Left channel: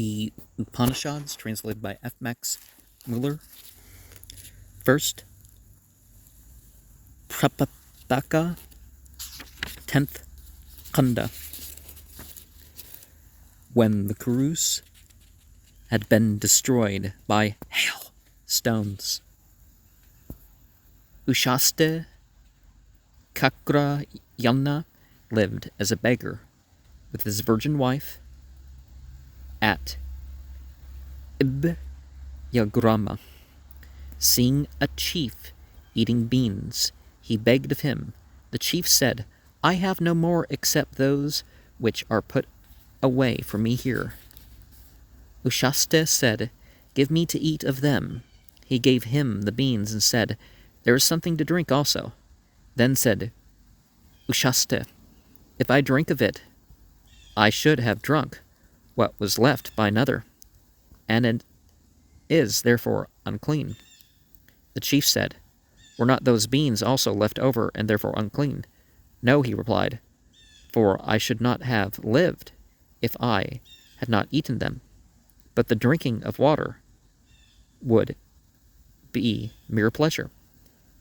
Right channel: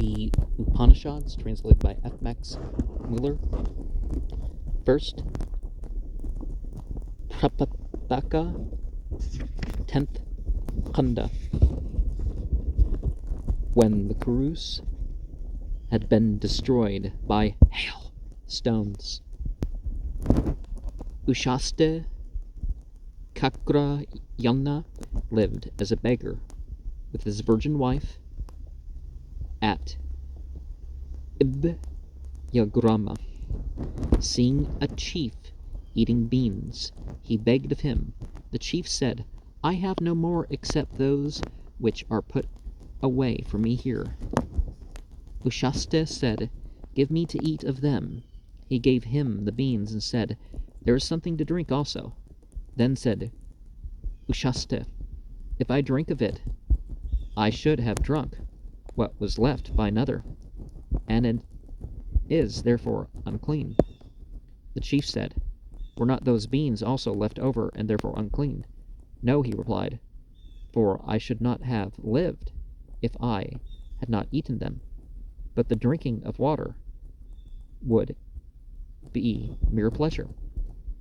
the Upanishads, translated by F. Max Muller. First, Prapataka, 10th Khanda. When the Kurus had been destroyed by hail stones, Ushaste Kakrayana lived as a beggar with his virgin wife at Ibyagrama. Seeing a chief eating beans, he begged of him. The chief said, "I have no more except those which are put away for me here." Ushaste said, "Give me to eat of them." He gave him the beans and said, "There is something to drink also." Then said Ushaste, "If I drink of it, I should have drunk what was left by another, and it is therefore unclean." The chief said, "Were not those beans also left over and therefore unclean?" "No," he replied, "for I should not have lived if I had not eaten them. But the drinking of water would be mere pleasure."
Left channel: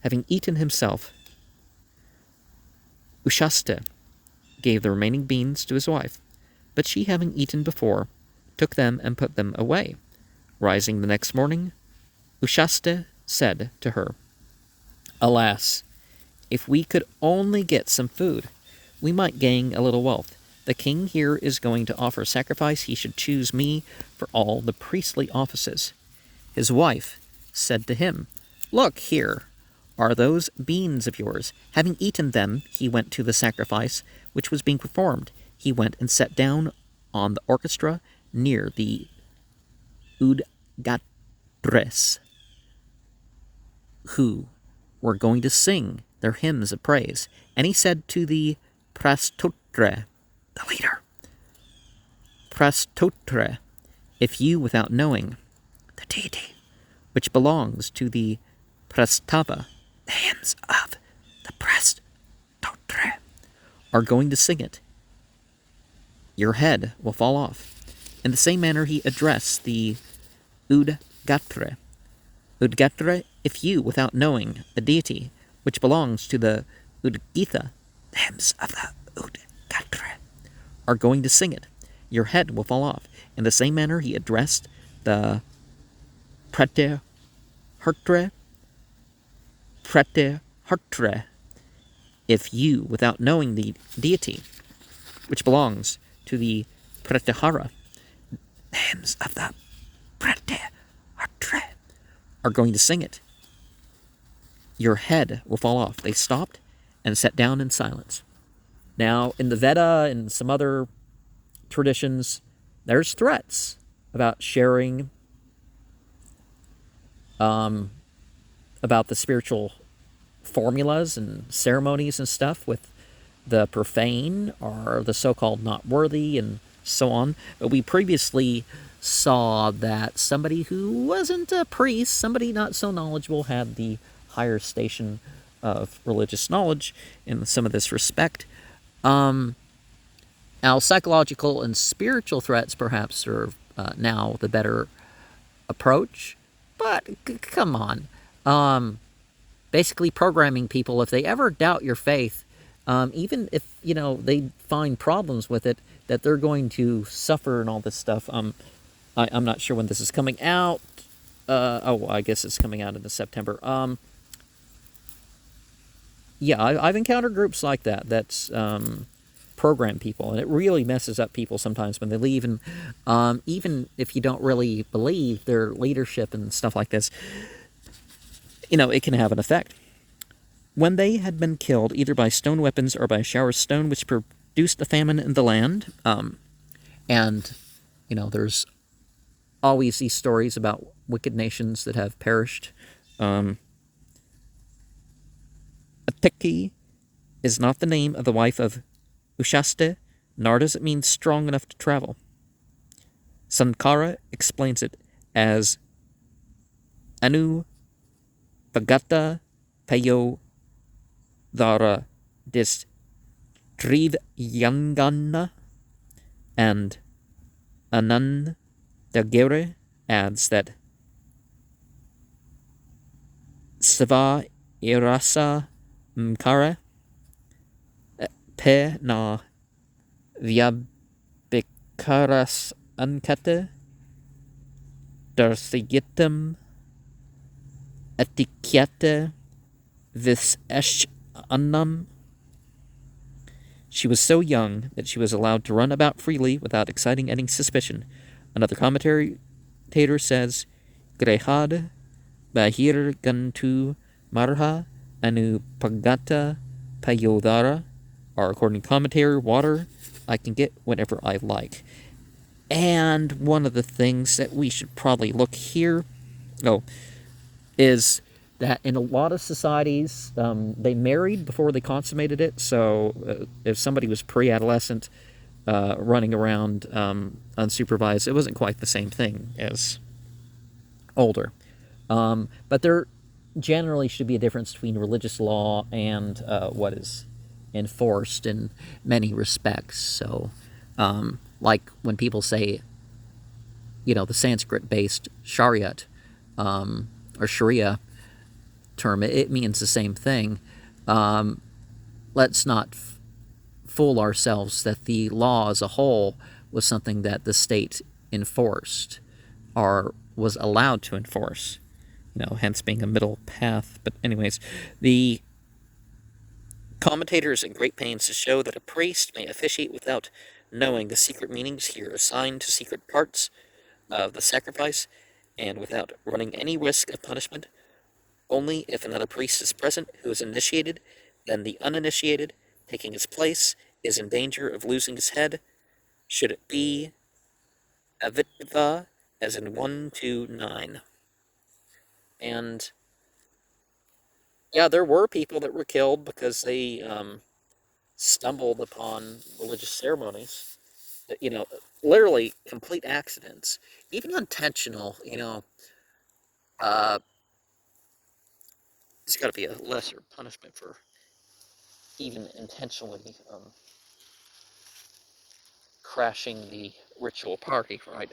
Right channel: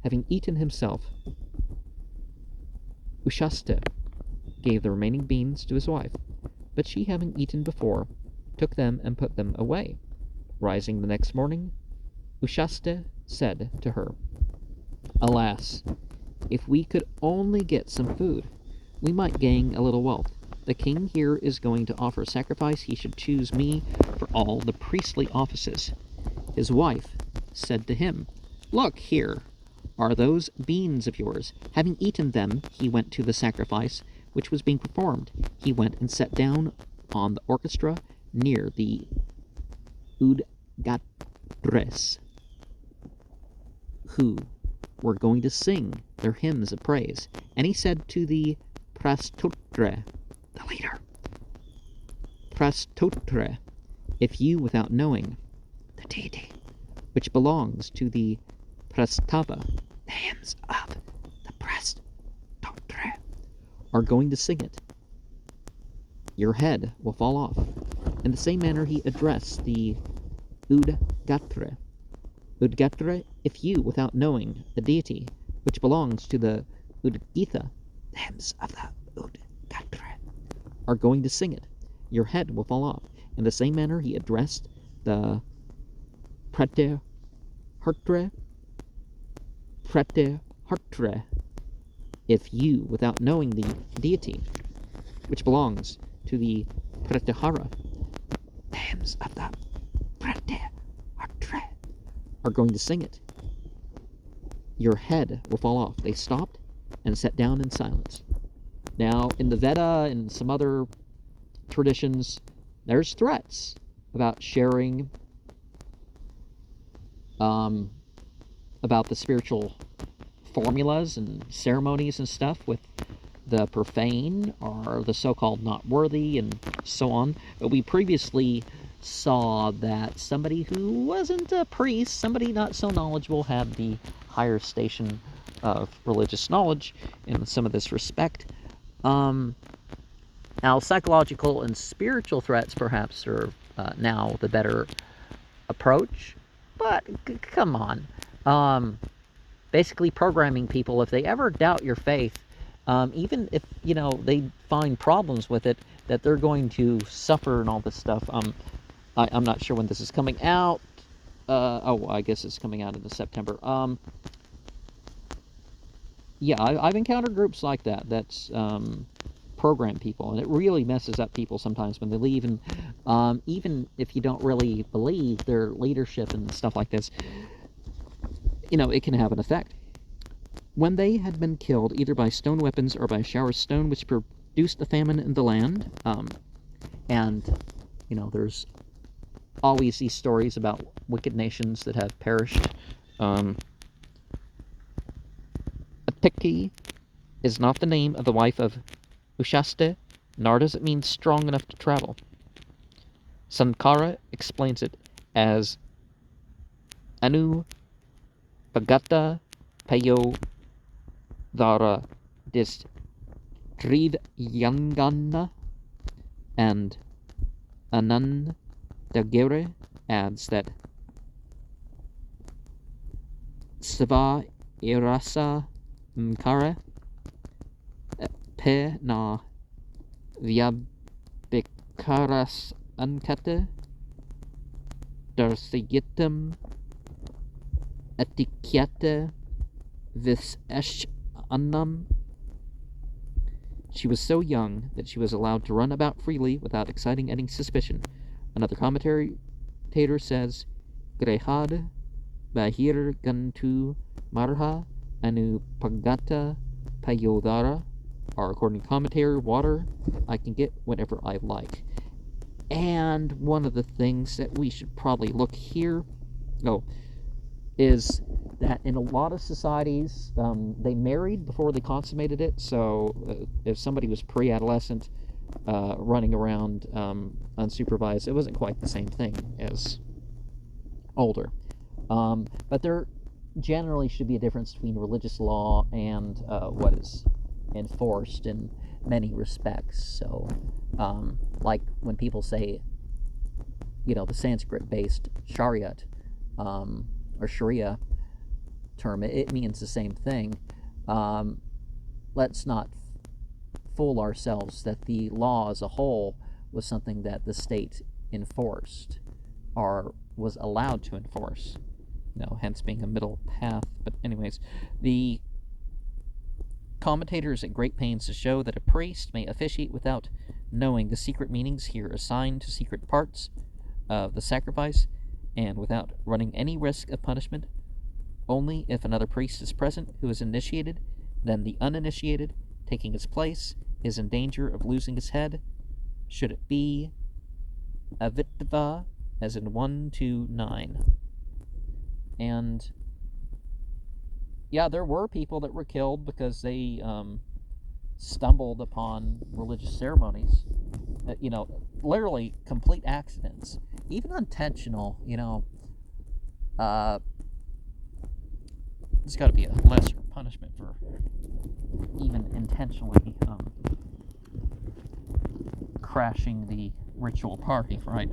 Having eaten himself, Ushaste gave the remaining beans to his wife, but she, having eaten before, took them and put them away. Rising the next morning, Ushaste said to her, "Alas, if we could only get some food, we might gain a little wealth. The king here is going to offer sacrifice. He should choose me for all the priestly offices." His wife said to him, "Look, here are those beans of yours." Having eaten them, he went to the sacrifice which was being performed. He went and sat down on the orchestra near the Udgatres, who were going to sing their hymns of praise. And he said to the Prastotre, the leader, "Prastotre, if you, without knowing the deity which belongs to the Prastava, the hymns of the Prastotre, are going to sing it, your head will fall off." In the same manner he addressed the Udgatre. "Udgatre, if you, without knowing the deity which belongs to the Udgitha, the hymns of the Udgatre, are going to sing it, your head will fall off." In the same manner he addressed the Pratehartre. "Pratehartre, if you, without knowing the deity which belongs to the Pratihara, the hymns of the Pratihara, are going to sing it, your head will fall off." They stopped and sat down in silence. Now, in the Veda and some other traditions, there's threats about sharing about the spiritual formulas and ceremonies and stuff with the profane or the so-called not worthy and so on. But we previously saw that somebody who wasn't a priest, somebody not so knowledgeable, had the higher station of religious knowledge in some of this respect. Now, psychological and spiritual threats perhaps are now the better approach, but come on. Basically programming people, if they ever doubt your faith, even if, they find problems with it, that they're going to suffer and all this stuff. I'm not sure when this is coming out. I guess it's coming out in September. I've encountered groups like that program people, and it really messes up people sometimes when they leave. And even if you don't really believe their leadership and stuff like this, it can have an effect. When they had been killed either by stone weapons or by a shower of stone which produced a famine in the land, and there's always these stories about wicked nations that have perished. Atiki is not the name of the wife of Ushaste, nor does it mean strong enough to travel. Sankara explains it as Anu Pagata Payo Dara Dis Triv Yangana and Anan Daguerre adds that Sva irasa mkara pe na viabikaras ankate darsigitum etiquette vis esh annam. She was so young that she was allowed to run about freely without exciting any suspicion. Another commentator says, Grehad bahir gantu marha anu pagata payodara, or according to commentator, water I can get whenever I like. And one of the things that we should probably look here, is that in a lot of societies, they married before they consummated it. So if somebody was pre-adolescent, running around unsupervised, it wasn't quite the same thing as older. But there generally should be a difference between religious law and what is enforced in many respects. So, like when people say, the Sanskrit-based Shariat, or Sharia term, it means the same thing. Let's not fool ourselves that the law as a whole was something that the state enforced or was allowed to enforce, hence being a middle path. But anyways, the commentators at great pains to show that a priest may officiate without knowing the secret meanings here assigned to secret parts of the sacrifice, and without running any risk of punishment. Only if another priest is present who is initiated, then the uninitiated, taking his place, is in danger of losing his head, should it be avitva, as in 1-9. And there were people that were killed because they stumbled upon religious ceremonies. Literally complete accidents, even intentional. There's got to be a lesser punishment for even intentionally crashing the ritual party, right?